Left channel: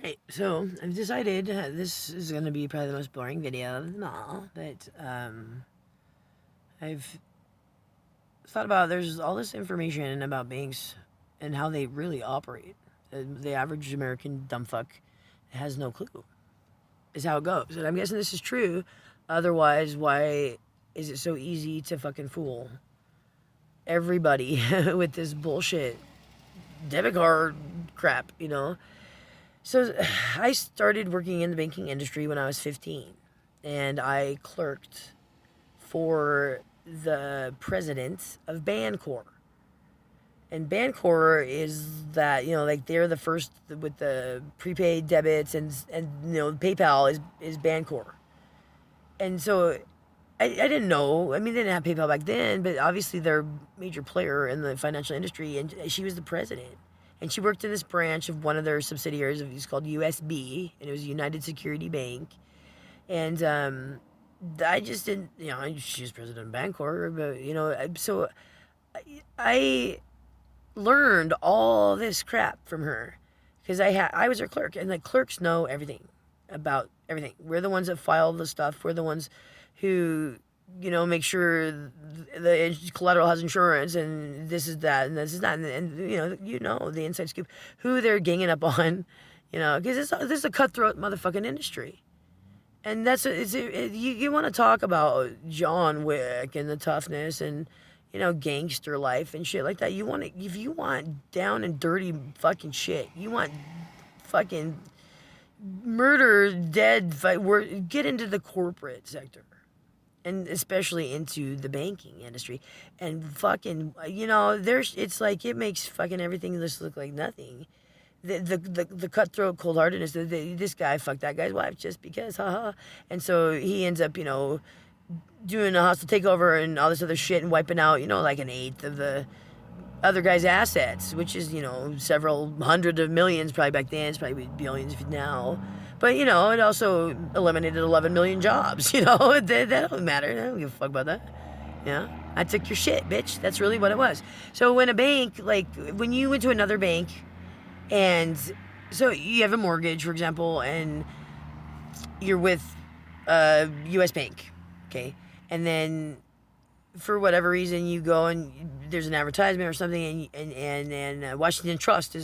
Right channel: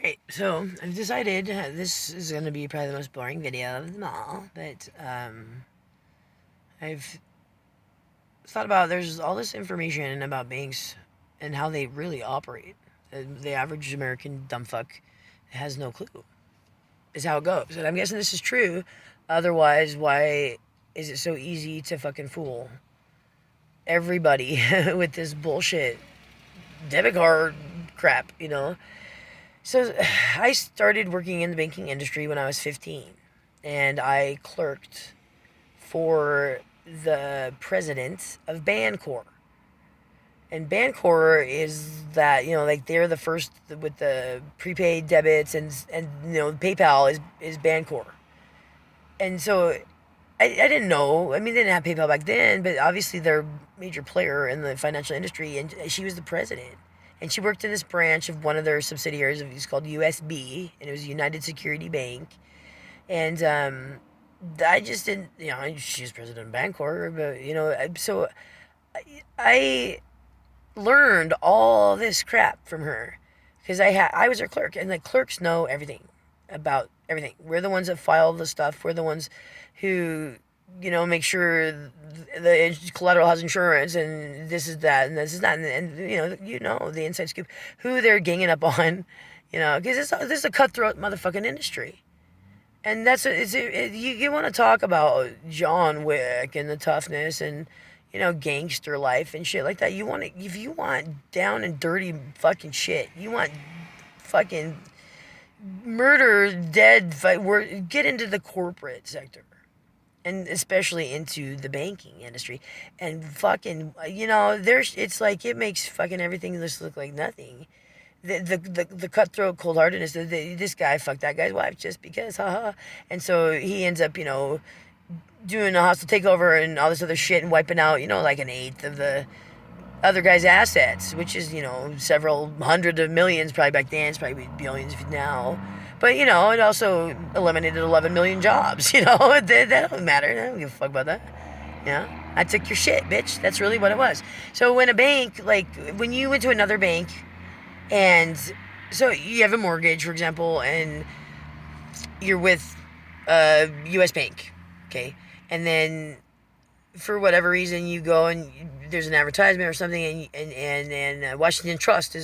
Alright, so I've decided this is going to be probably the most boring video of them all, but I've thought about there's all this information about banks and how they really operate. The average American dumbfuck has no clue, is how it goes. And I'm guessing this is true. Otherwise, why is it so easy to fucking fool everybody with this bullshit debit card crap, you know? So I started working in the banking industry when I was 15, and I clerked for the president of Bancor. And Bancor is that, like they're the first with the prepaid debits, and PayPal is Bancor. And so I didn't know. I mean, they didn't have PayPal back then, but obviously they're a major player in the financial industry, and she was the president. And she worked in this branch of one of their subsidiaries. It was called USB, and it was United Security Bank. And I just didn't, she was president of Bancor, but, so I learned all this crap from her because I was her clerk, and the clerks know everything about everything. We're the ones that file the stuff. We're the ones who make sure the collateral has insurance, and this is that, and this is that, and the inside scoop, who they're ganging up on, because this is a cutthroat motherfucking industry, and that's you want to talk about John Wick and the toughness and gangster life and shit like that. If you want down and dirty fucking shit, you want fucking murder, dead, get into the corporate sector. And especially into the banking industry, and fucking, it's like it makes fucking everything just look like nothing. The cutthroat cold heartedness. This guy fucked that guy's wife just because, haha. And so he ends up, doing a hostile takeover and all this other shit and wiping out, like an eighth of the other guy's assets, which is several hundred of millions probably back then. It's probably billions now. But, it also eliminated 11 million jobs, that don't matter. I don't give a fuck about that. I took your shit, bitch. That's really what it was. So when a bank, like, when you went to another bank, and so you have a mortgage, for example, and you're with a U.S. bank, okay? And then for whatever reason you go and there's an advertisement or something, and Washington Trust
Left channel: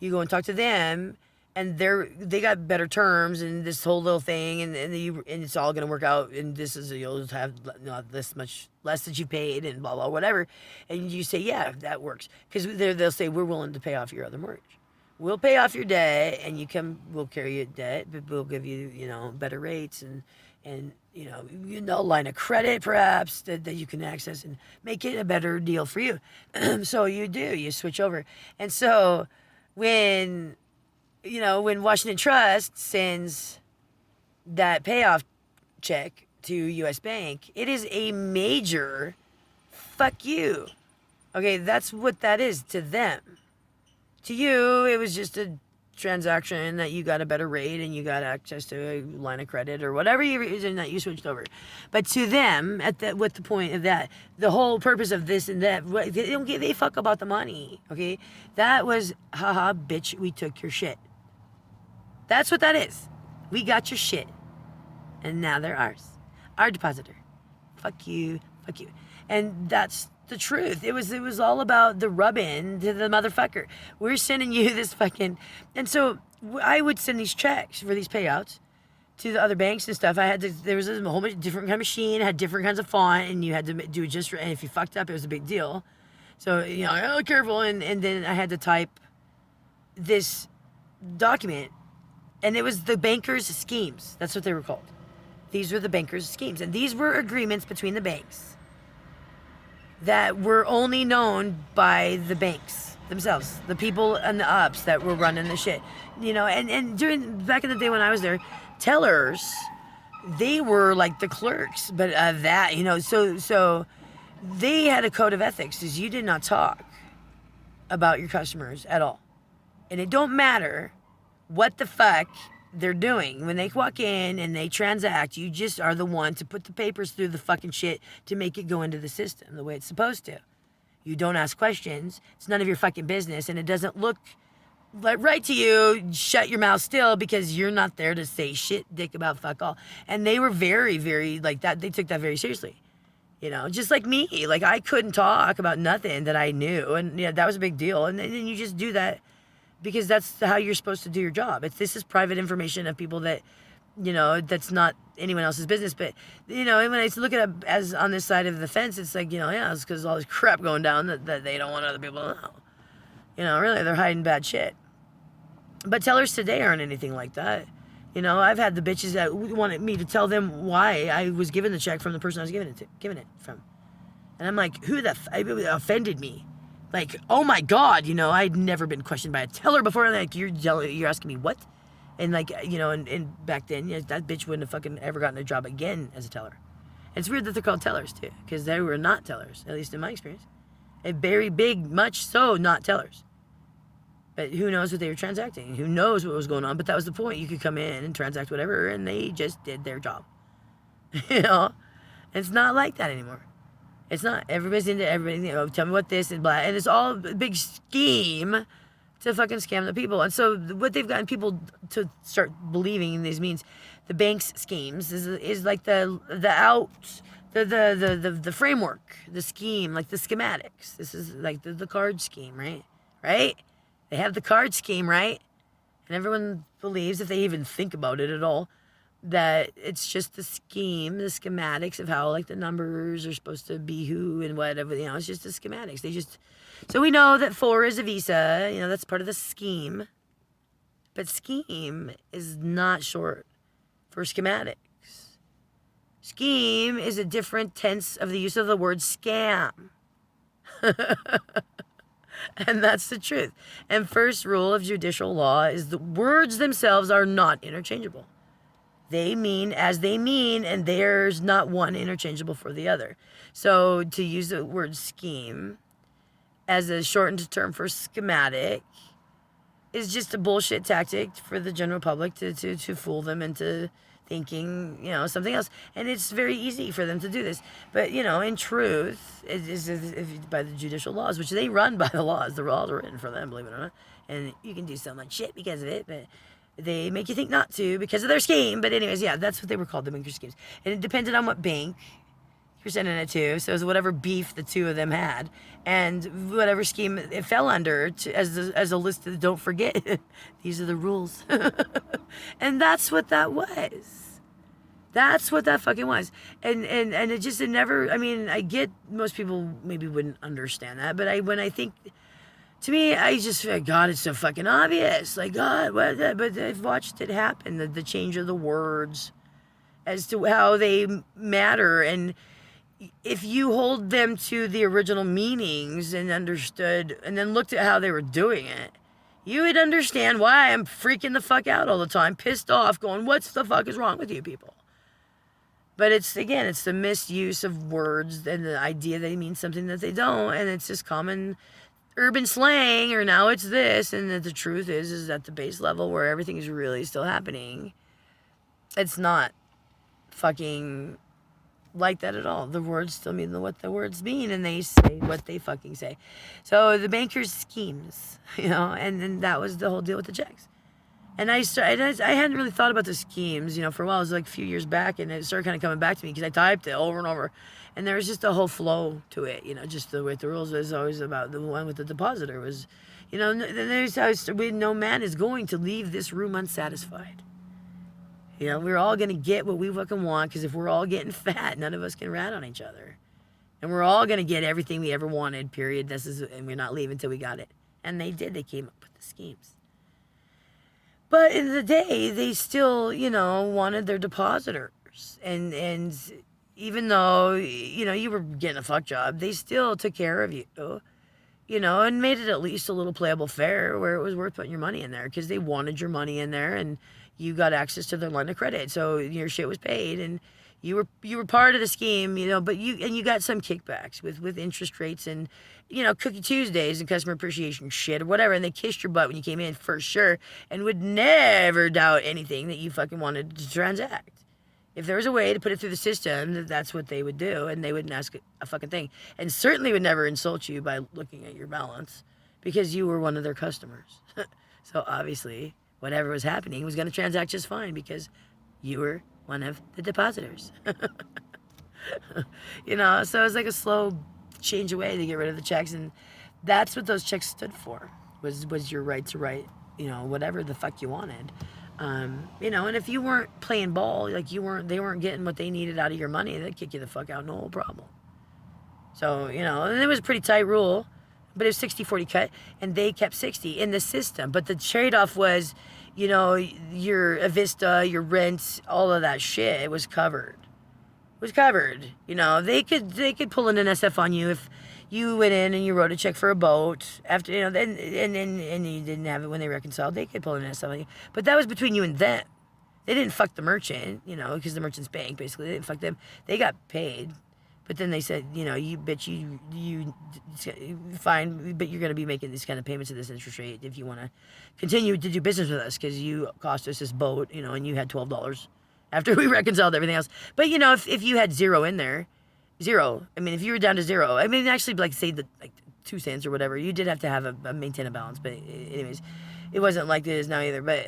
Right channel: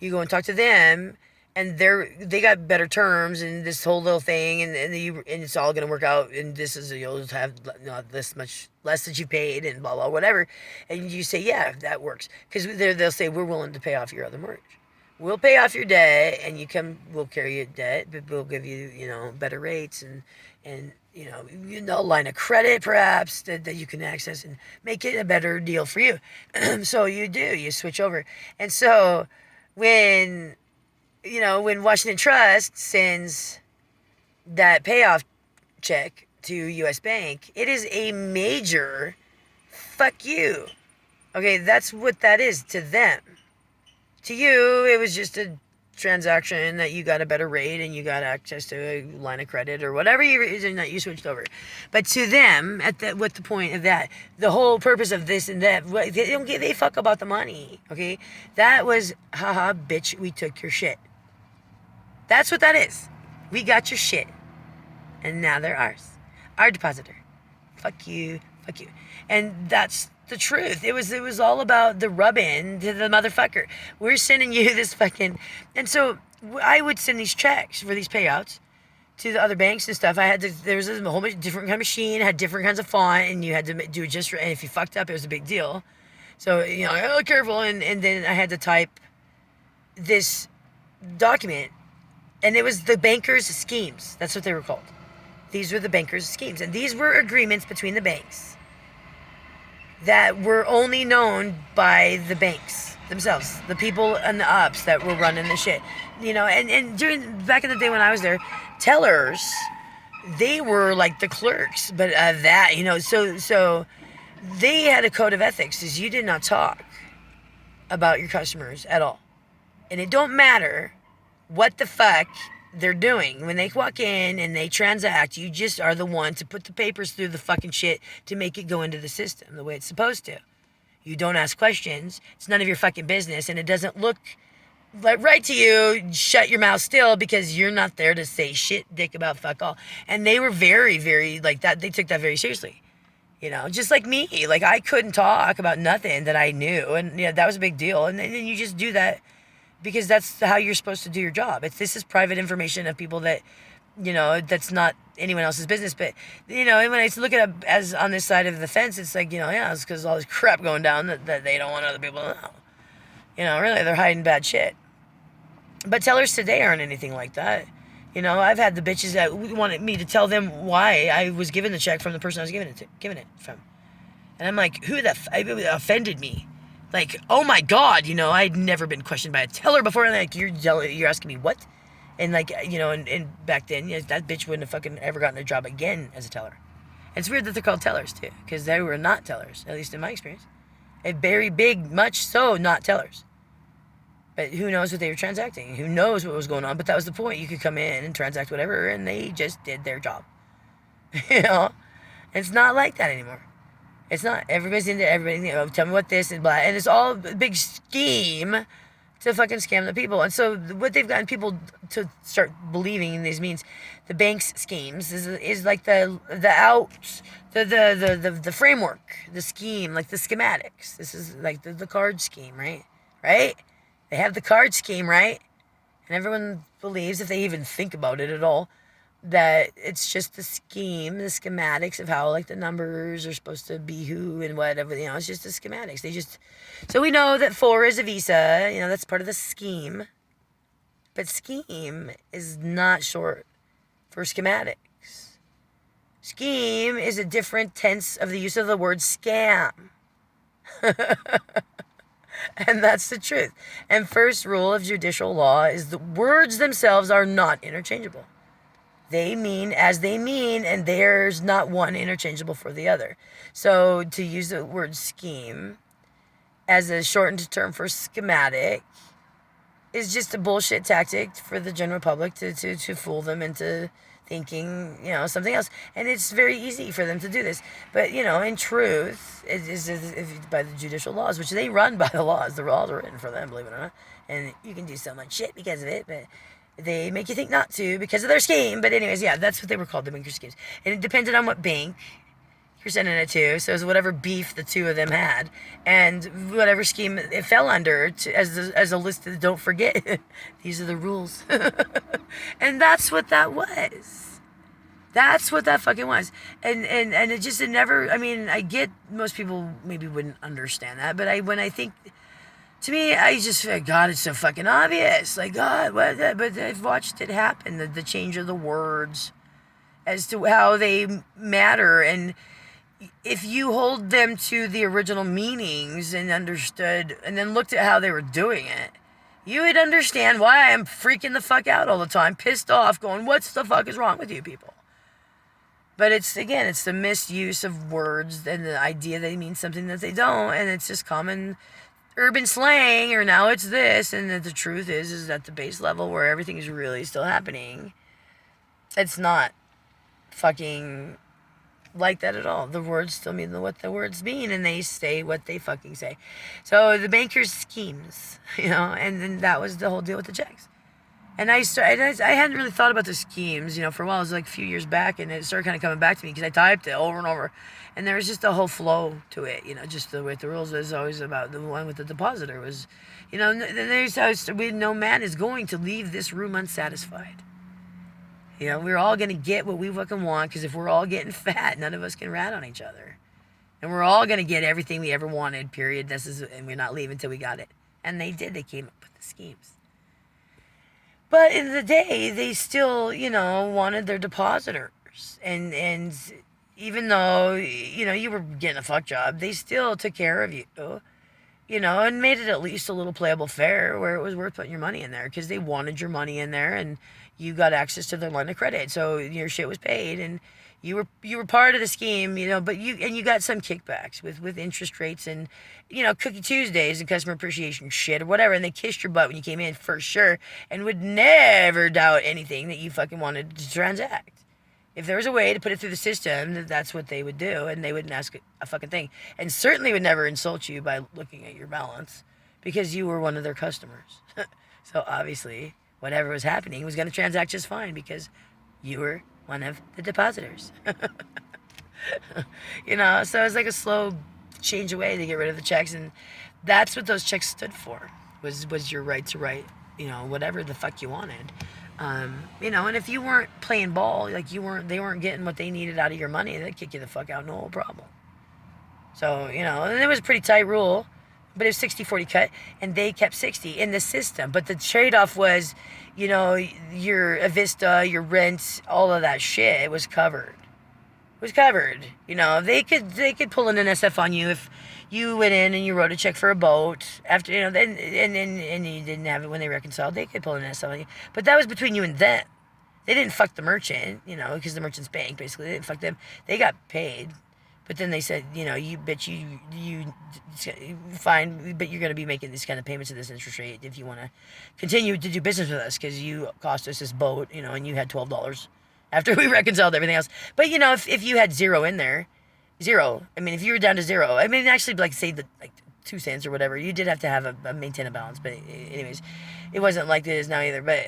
you go and talk to them, and they got better terms and this whole little thing, and it's all gonna work out, and you'll have this much less that you paid and blah blah whatever, and you say yeah, that works, because they'll say we're willing to pay off your other mortgage. We'll pay off your debt, and we'll carry your debt, but we'll give you better rates and line of credit perhaps that you can access and make it a better deal for you. So you switch over, and so when Washington Trust sends that payoff check to U.S. Bank, it is a major fuck you. Okay, that's what that is to them. To you, it was just a transaction that you got a better rate and you got access to a line of credit or whatever reason that you switched over. But to them, what the point of that, the whole purpose of this and that, they fuck about the money. Okay, that was haha, bitch, we took your shit. That's what that is. We got your shit, and now they're ours, our depositor. Fuck you, and that's the truth. It was all about the rub-in to the motherfucker. We're sending you this fucking, and so I would send these checks for these payouts to the other banks and stuff. There was a whole bunch of different kind of machine, had different kinds of font, and you had to do it just right. And if you fucked up, it was a big deal. So careful, and then I had to type this document, and it was the bankers' schemes. That's what they were called. These were the bankers' schemes, and these were agreements between the banks that were only known by the banks themselves, the people and the ups that were running the shit, and back in the day when I was there, tellers, they were like the clerks, but so they had a code of ethics, is you did not talk about your customers at all, and it don't matter what the fuck they're doing. When they walk in and they transact, you just are the one to put the papers through the fucking shit to make it go into the system the way it's supposed to. You don't ask questions. It's none of your fucking business, and it doesn't look right to you, shut your mouth still because you're not there to say shit dick about fuck all. And they were very, very like that. They took that very seriously. Just like me. Like I couldn't talk about nothing that I knew. And that was a big deal. And then you just do that because that's how you're supposed to do your job. This is private information of people that, that's not anyone else's business. But, when I look at it as on this side of the fence, it's like, it's because all this crap going down that they don't want other people to know. Really, they're hiding bad shit. But tellers today aren't anything like that. I've had the bitches that wanted me to tell them why I was given the check from the person I was giving it from. And I'm like, it offended me. Like, oh my God, I'd never been questioned by a teller before. And like, you're asking me what? And like, and back then, that bitch wouldn't have fucking ever gotten a job again as a teller. It's weird that they're called tellers too, because they were not tellers, at least in my experience. A very big, much so not tellers. But who knows what they were transacting? Who knows what was going on? But that was the point. You could come in and transact whatever, and they just did their job. It's not like that anymore. It's not. Everybody's into everything. Tell me what this and blah. And it's all a big scheme to fucking scam the people. And so what they've gotten people to start believing in these means the bank's schemes is like the framework, the scheme, like the schematics. This is like the card scheme, right? Right? They have the card scheme, right? And everyone believes, if they even think about it at all, that it's just the scheme, the schematics of how like the numbers are supposed to be who and whatever. It's just the schematics. So we know that 4 is a Visa. That's part of the scheme. But scheme is not short for schematics. Scheme is a different tense of the use of the word scam. And that's the truth. And first rule of judicial law is the words themselves are not interchangeable. They mean as they mean, and there's not one interchangeable for the other. So to use the word scheme as a shortened term for schematic is just a bullshit tactic for the general public to fool them into thinking, something else. And it's very easy for them to do this. But, in truth, it is by the judicial laws, which they run by the laws. The laws are written for them, believe it or not. And you can do so much shit because of it, but they make you think not to because of their scheme. But anyways, yeah, that's what they were called, the banker schemes. And it depended on what bank you're sending it to. So it was whatever beef the two of them had. And whatever scheme it fell under as a list of, don't forget, these are the rules. And that's what that was. That's what that fucking was. And it never, I get most people maybe wouldn't understand that, but when I think, to me, I just feel like, God, it's so fucking obvious. Like, God, what? But I've watched it happen, the change of the words as to how they matter. And if you hold them to the original meanings and understood, and then looked at how they were doing it, you would understand why I'm freaking the fuck out all the time, pissed off, going, what the fuck is wrong with you people? But it's the misuse of words and the idea they mean something that they don't, and it's just common urban slang, or now it's this, and the truth is at the base level where everything is really still happening, it's not fucking like that at all. The words still mean what the words mean, and they say what they fucking say. So the bankers' schemes, and then that was the whole deal with the checks. And I hadn't really thought about the schemes, for a while. It was like a few years back, and it started kind of coming back to me because I typed it over and over. And there was just a whole flow to it, just the way the rules is always about the one with the depositor was, no man is going to leave this room unsatisfied. We're all going to get what we fucking want, because if we're all getting fat, none of us can rat on each other. And we're all going to get everything we ever wanted, period. And we're not leaving until we got it. And they did. They came up with the schemes. But in the day, they still, wanted their depositors. And even though, you were getting a fuck job, they still took care of you, and made it at least a little playable fair where it was worth putting your money in there, because they wanted your money in there, and you got access to their line of credit. So your shit was paid, and you were part of the scheme, but you got some kickbacks with interest rates and, Cookie Tuesdays and customer appreciation shit or whatever, and they kissed your butt when you came in for sure, and would never doubt anything that you fucking wanted to transact. If there was a way to put it through the system, that's what they would do, and they wouldn't ask a fucking thing. And certainly would never insult you by looking at your balance, because you were one of their customers. So obviously, whatever was happening was going to transact just fine because you were one of the depositors. So it's like a slow change away to get rid of the checks, and that's what those checks stood for. Was your right to write, whatever the fuck you wanted. And if you weren't playing ball, like they weren't getting what they needed out of your money, they'd kick you the fuck out, no problem. So, and it was a pretty tight rule, but it was 60-40 cut, and they kept 60 in the system. But the trade-off was, your Avista, your rent, all of that shit was covered. It was covered. They could pull in an SF on you if you went in and you wrote a check for a boat after, then and you didn't have it when they reconciled. They could pull in an SF on you. But that was between you and them. They didn't fuck the merchant, because the merchant's bank, basically. They didn't fuck them. They got paid. But then they said, you fine, but you're going to be making these kind of payments at this interest rate if you want to continue to do business with us, because you cost us this boat, and you had $12 after we reconciled everything else. But, if you had zero in there, zero, if you were down to zero, actually, like, say, 2 cents or whatever, you did have to have maintain a balance. But anyways, it wasn't like it is now either. But,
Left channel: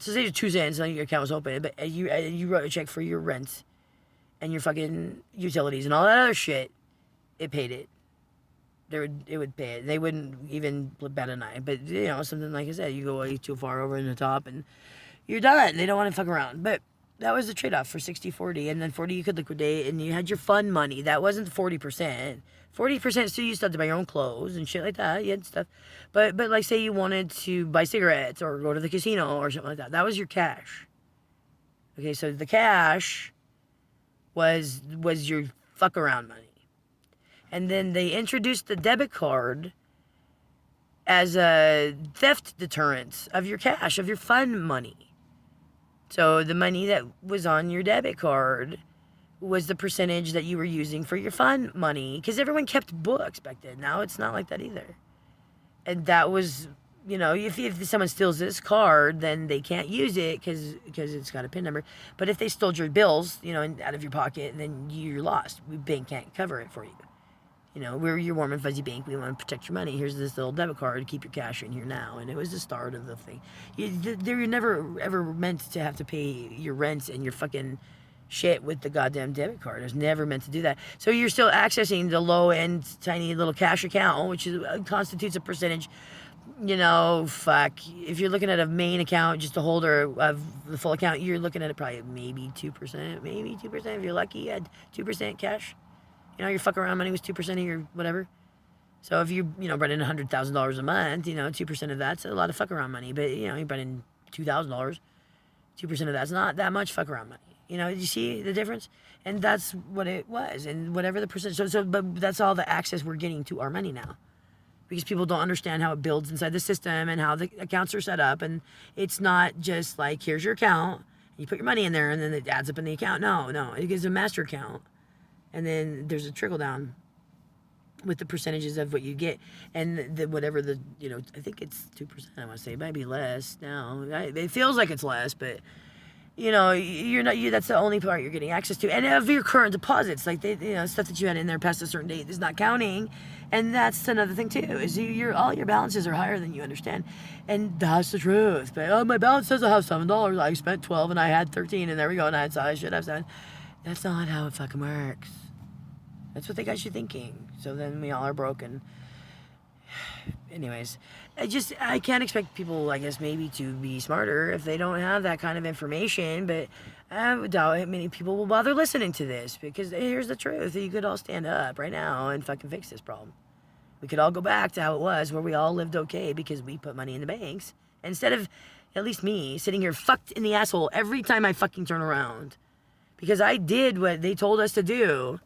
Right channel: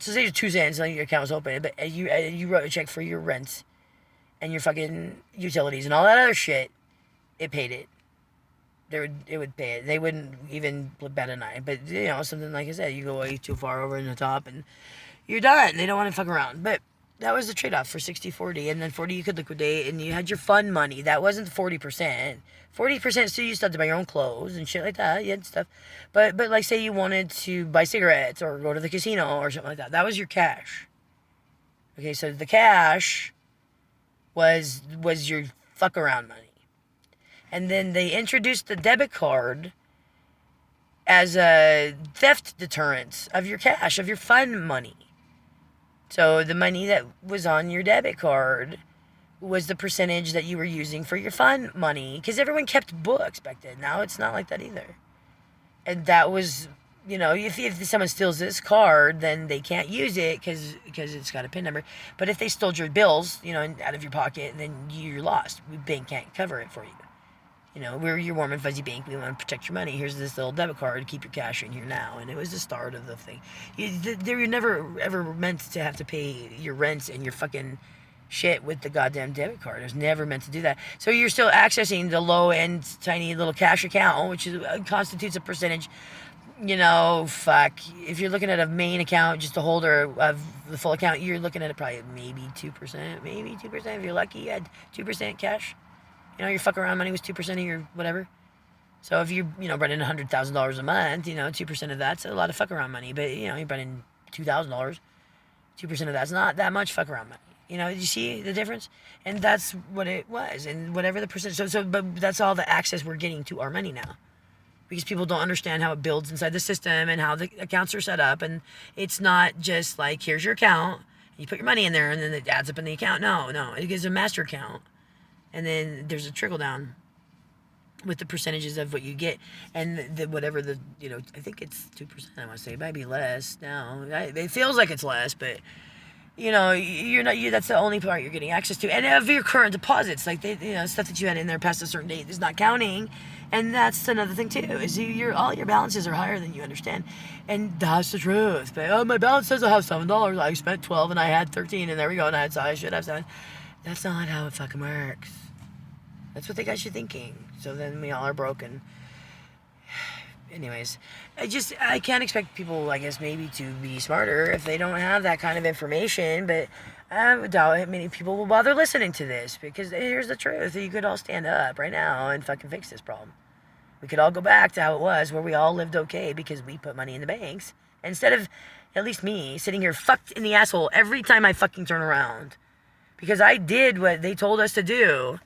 so say 2 cents, and your account was open, but you wrote a check for your rent and your fucking utilities and all that other shit, it paid it. It would pay it. They wouldn't even bat an eye. But, something like I said, you go way too far over in the top and you're done. They don't want to fuck around. But that was the trade-off for 60-40. And then 40 you could liquidate, and you had your fun money. That wasn't 40%. 40% still you still had to buy your own clothes and shit like that. You had stuff. But like, say you wanted to buy cigarettes or go to the casino or something like that. That was your cash. Okay, so the cash was your fuck around money. And then they introduced the debit card as a theft deterrent of your cash, of your fun money. So the money that was on your debit card was the percentage that you were using for your fun money, because everyone kept books back then. Now it's not like that either. And that was, if someone steals this card, then they can't use it because it's got a PIN number. But if they stole your bills, out of your pocket, then you're lost. The bank can't cover it for you. We're your warm and fuzzy bank. We want to protect your money. Here's this little debit card. Keep your cash in here now. And it was the start of the thing. They were never, ever meant to have to pay your rent and your fucking shit with the goddamn debit card. It was never meant to do that. So you're still accessing the low-end, tiny little cash account, which constitutes a percentage. If you're looking at a main account, just a holder of the full account, you're looking at it probably maybe 2%. Maybe 2%. If you're lucky, you had 2% cash. Your fuck around money was 2% of your whatever. So if you, brought in $100,000 a month, 2% of that's a lot of fuck around money. But, you brought in $2,000, 2% of that's not that much fuck around money. Did you see the difference? And that's what it was. And whatever the percentage. But that's all the access we're getting to our money now. Because people don't understand how it builds inside the system and how the accounts are set up. And it's not just like, here's your account. You put your money in there and then it adds up in the account. No. It gives a master account. And then there's a trickle down with the percentages of what you get. And whatever I think it's 2%, I want to say. It might be less now. It feels like it's less, but, you're not, that's the only part you're getting access to. And of your current deposits, like, stuff that you had in there past a certain date is not counting. And that's another thing, too, is all your balances are higher than you understand. And that's the truth. But, my balance says I have $7. I spent $12 and I had $13, and there we go, and I should have $7. That's not how it fucking works. That's what they got you thinking. So then we all are broken. Anyways, I can't expect people, I guess, maybe to be smarter if they don't have that kind of information. But I doubt many people will bother listening to this, because here's the truth. You could all stand up right now and fucking fix this problem. We could all go back to how it was, where we all lived okay because we put money in the banks. Instead of, at least me, sitting here fucked in the asshole every time I fucking turn around. Because I did what they told us to do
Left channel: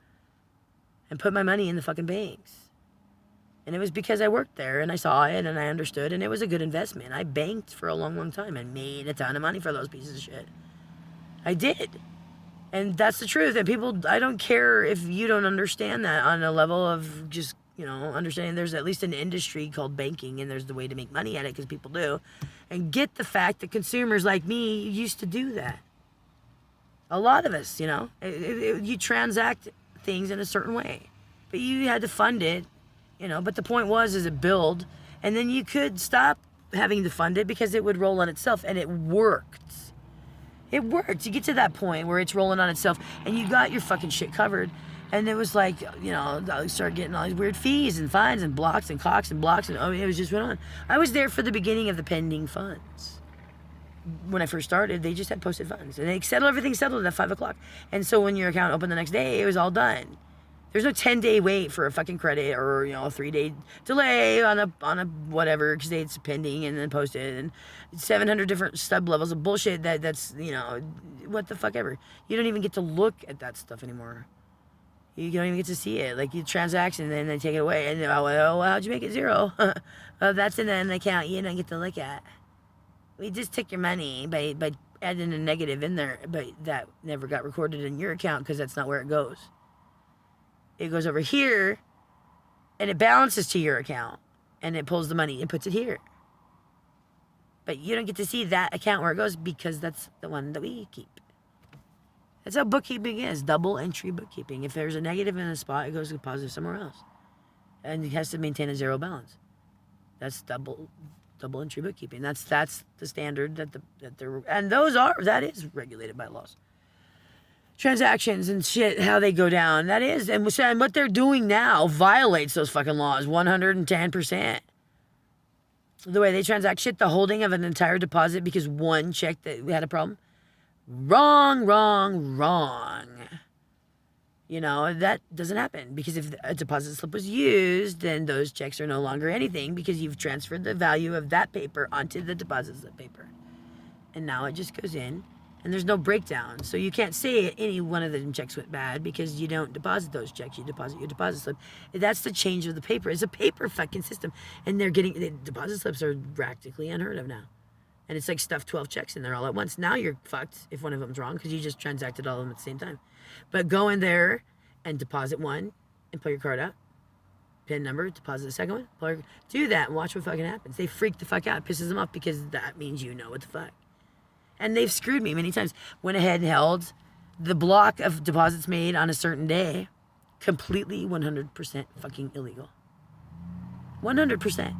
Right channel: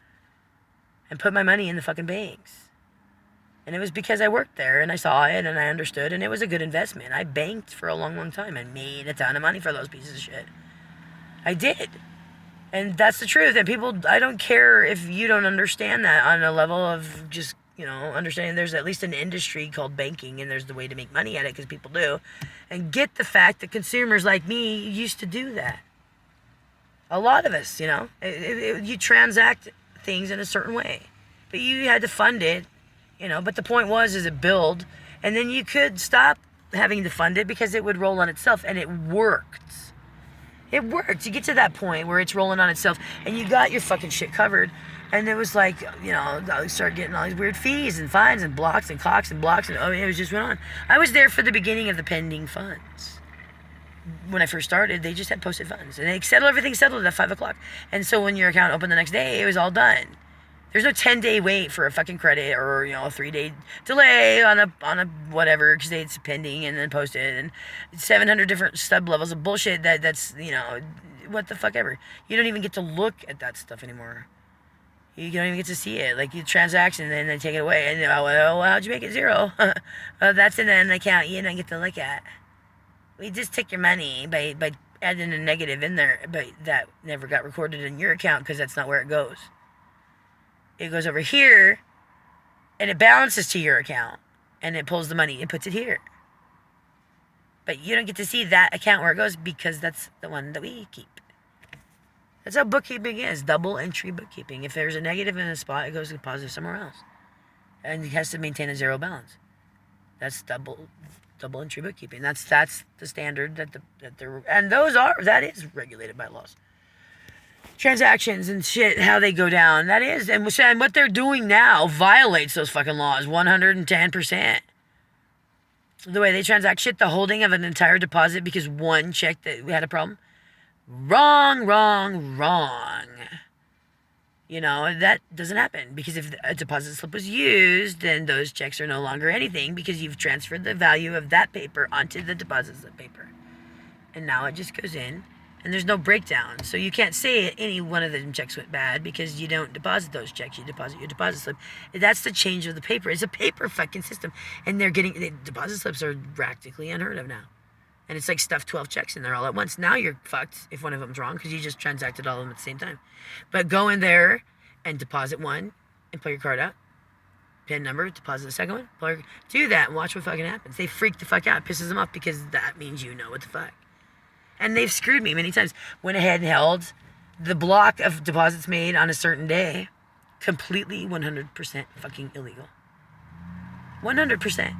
and put my money in the fucking banks. And it was because I worked there and I saw it and I understood, and it was a good investment. I banked for a long, long time and made a ton of money for those pieces of shit. I did. And that's the truth. And people, I don't care if you don't understand that on a level of just, understanding there's at least an industry called banking, and there's the way to make money at it because people do. And get the fact that consumers like me used to do that. A lot of us, you transact things in a certain way, but you had to fund it, but the point was, is it build, and then you could stop having to fund it because it would roll on itself, and it worked. It worked. You get to that point where it's rolling on itself, and you got your fucking shit covered. And it was like, I started getting all these weird fees and fines and blocks and clocks and blocks, and it was just went on. I was there for the beginning of the pending funds. When I first started, they just had posted funds, and everything settled at 5 o'clock. And so when your account opened the next day, it was all done. There's no 10-day wait for a fucking credit, or a 3-day delay on a whatever, because it's pending and then posted, and 700 different stub levels of bullshit that's what the fuck ever. You don't even get to look at that stuff anymore. You don't even get to see it. Like, you transaction and then they take it away, and how'd you make it 0? That's in an account you don't get to look at. We just took your money by adding a negative in there, but that never got recorded in your account because that's not where it goes. It goes over here, and it balances to your account, and it pulls the money and puts it here. But you don't get to see that account where it goes because that's the one that we keep. That's how bookkeeping is, double entry bookkeeping. If there's a negative in a spot, it goes to positive somewhere else. And it has to maintain a 0 balance. That's double entry bookkeeping. That's the standard that they're, and that is regulated by laws. Transactions and shit, how they go down, that is, and what they're doing now violates those fucking laws 110%. The way they transact shit, the holding of an entire deposit because one check that we had a problem. Wrong. That doesn't happen, because if a deposit slip was used, then those checks are no longer anything because you've transferred the value of that paper onto the deposit slip paper. And now it just goes in. And there's no breakdown. So you can't say any one of them checks went bad because you don't deposit those checks. You deposit your deposit slip. That's the change of the paper. It's a paper fucking system. And deposit slips are practically unheard of now. And it's like stuff 12 checks in there all at once. Now you're fucked if one of them's wrong because you just transacted all of them at the same time. But go in there and deposit one and pull your card out. PIN number, deposit the second one. Do that and watch what fucking happens. They freak the fuck out. It pisses them off because that means you know what the fuck. And they've screwed me many times. Went ahead and held the block of deposits made on a certain day completely 100% fucking illegal. 100%.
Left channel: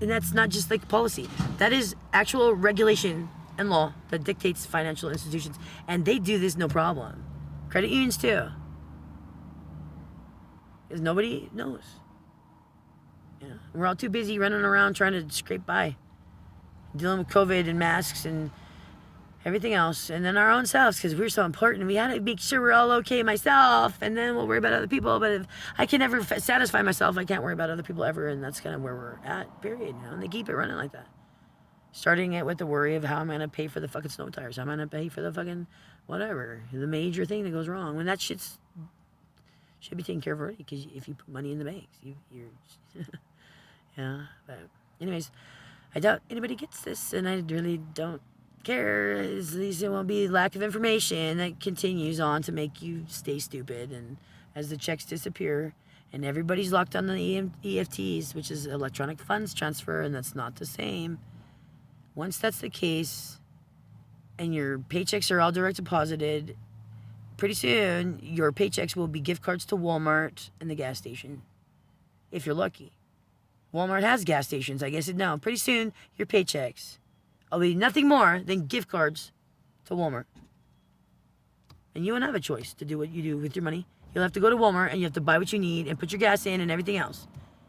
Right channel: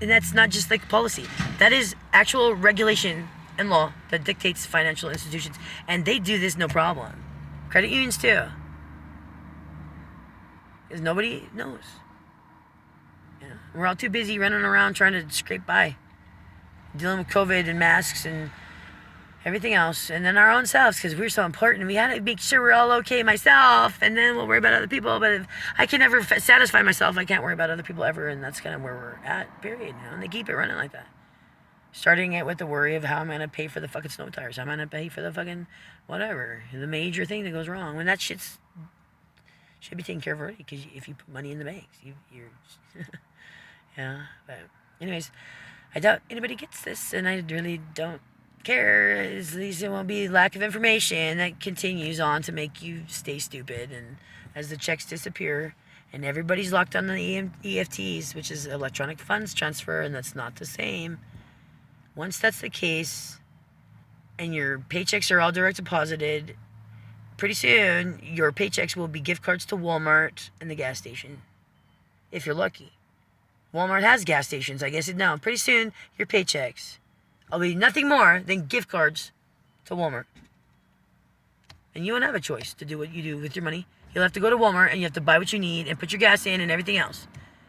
And that's not just like policy. That is actual regulation and law that dictates financial institutions. And they do this no problem. Credit unions too. Because nobody knows. We're all too busy running around trying to scrape by. Dealing with COVID and masks and everything else, and then our own selves, because we're so important. We had to make sure we're all okay myself, and then we'll worry about other people. But if I can never satisfy myself, I can't worry about other people ever, and that's kind of where we're at, period. And they keep it running like that. Starting it with the worry of how I'm going to pay for the fucking snow tires, how I'm going to pay for the fucking whatever, the major thing that goes wrong. When that shit's should be taken care of already, because if you put money in the banks, you're yeah. But anyways, I doubt anybody gets this, and I really don't care. At least it won't be lack of information that continues on to make you stay stupid. And as the checks disappear and everybody's locked on the EFTs, which is electronic funds transfer, and that's not the same. Once that's the case and your paychecks are all direct deposited, pretty soon your paychecks will be gift cards to Walmart and the gas station, if you're lucky. Walmart has gas stations, I guess. No, pretty soon your paychecks will be nothing more than gift cards to Walmart. And you won't have a choice to do what you do with your money. You'll have to go to Walmart and you have to buy what you need and put your gas in and everything else.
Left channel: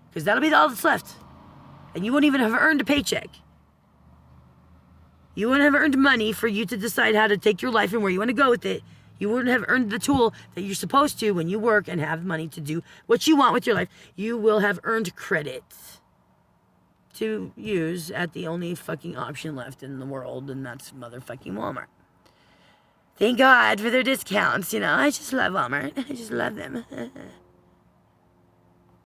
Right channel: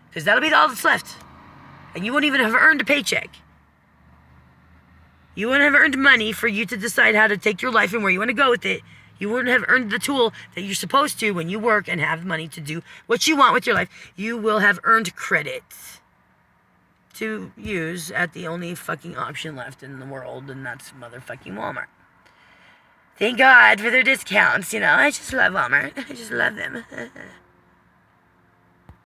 Because that'll be all that's left. And you won't even have earned a paycheck. You won't have earned money for you to decide how to take your life and where you want to go with it. You wouldn't have earned the tool that you're supposed to when you work and have money to do what you want with your life. You will have earned credit to use at the only fucking option left in the world, and that's motherfucking Walmart. Thank God for their discounts, I just love Walmart. I just love them.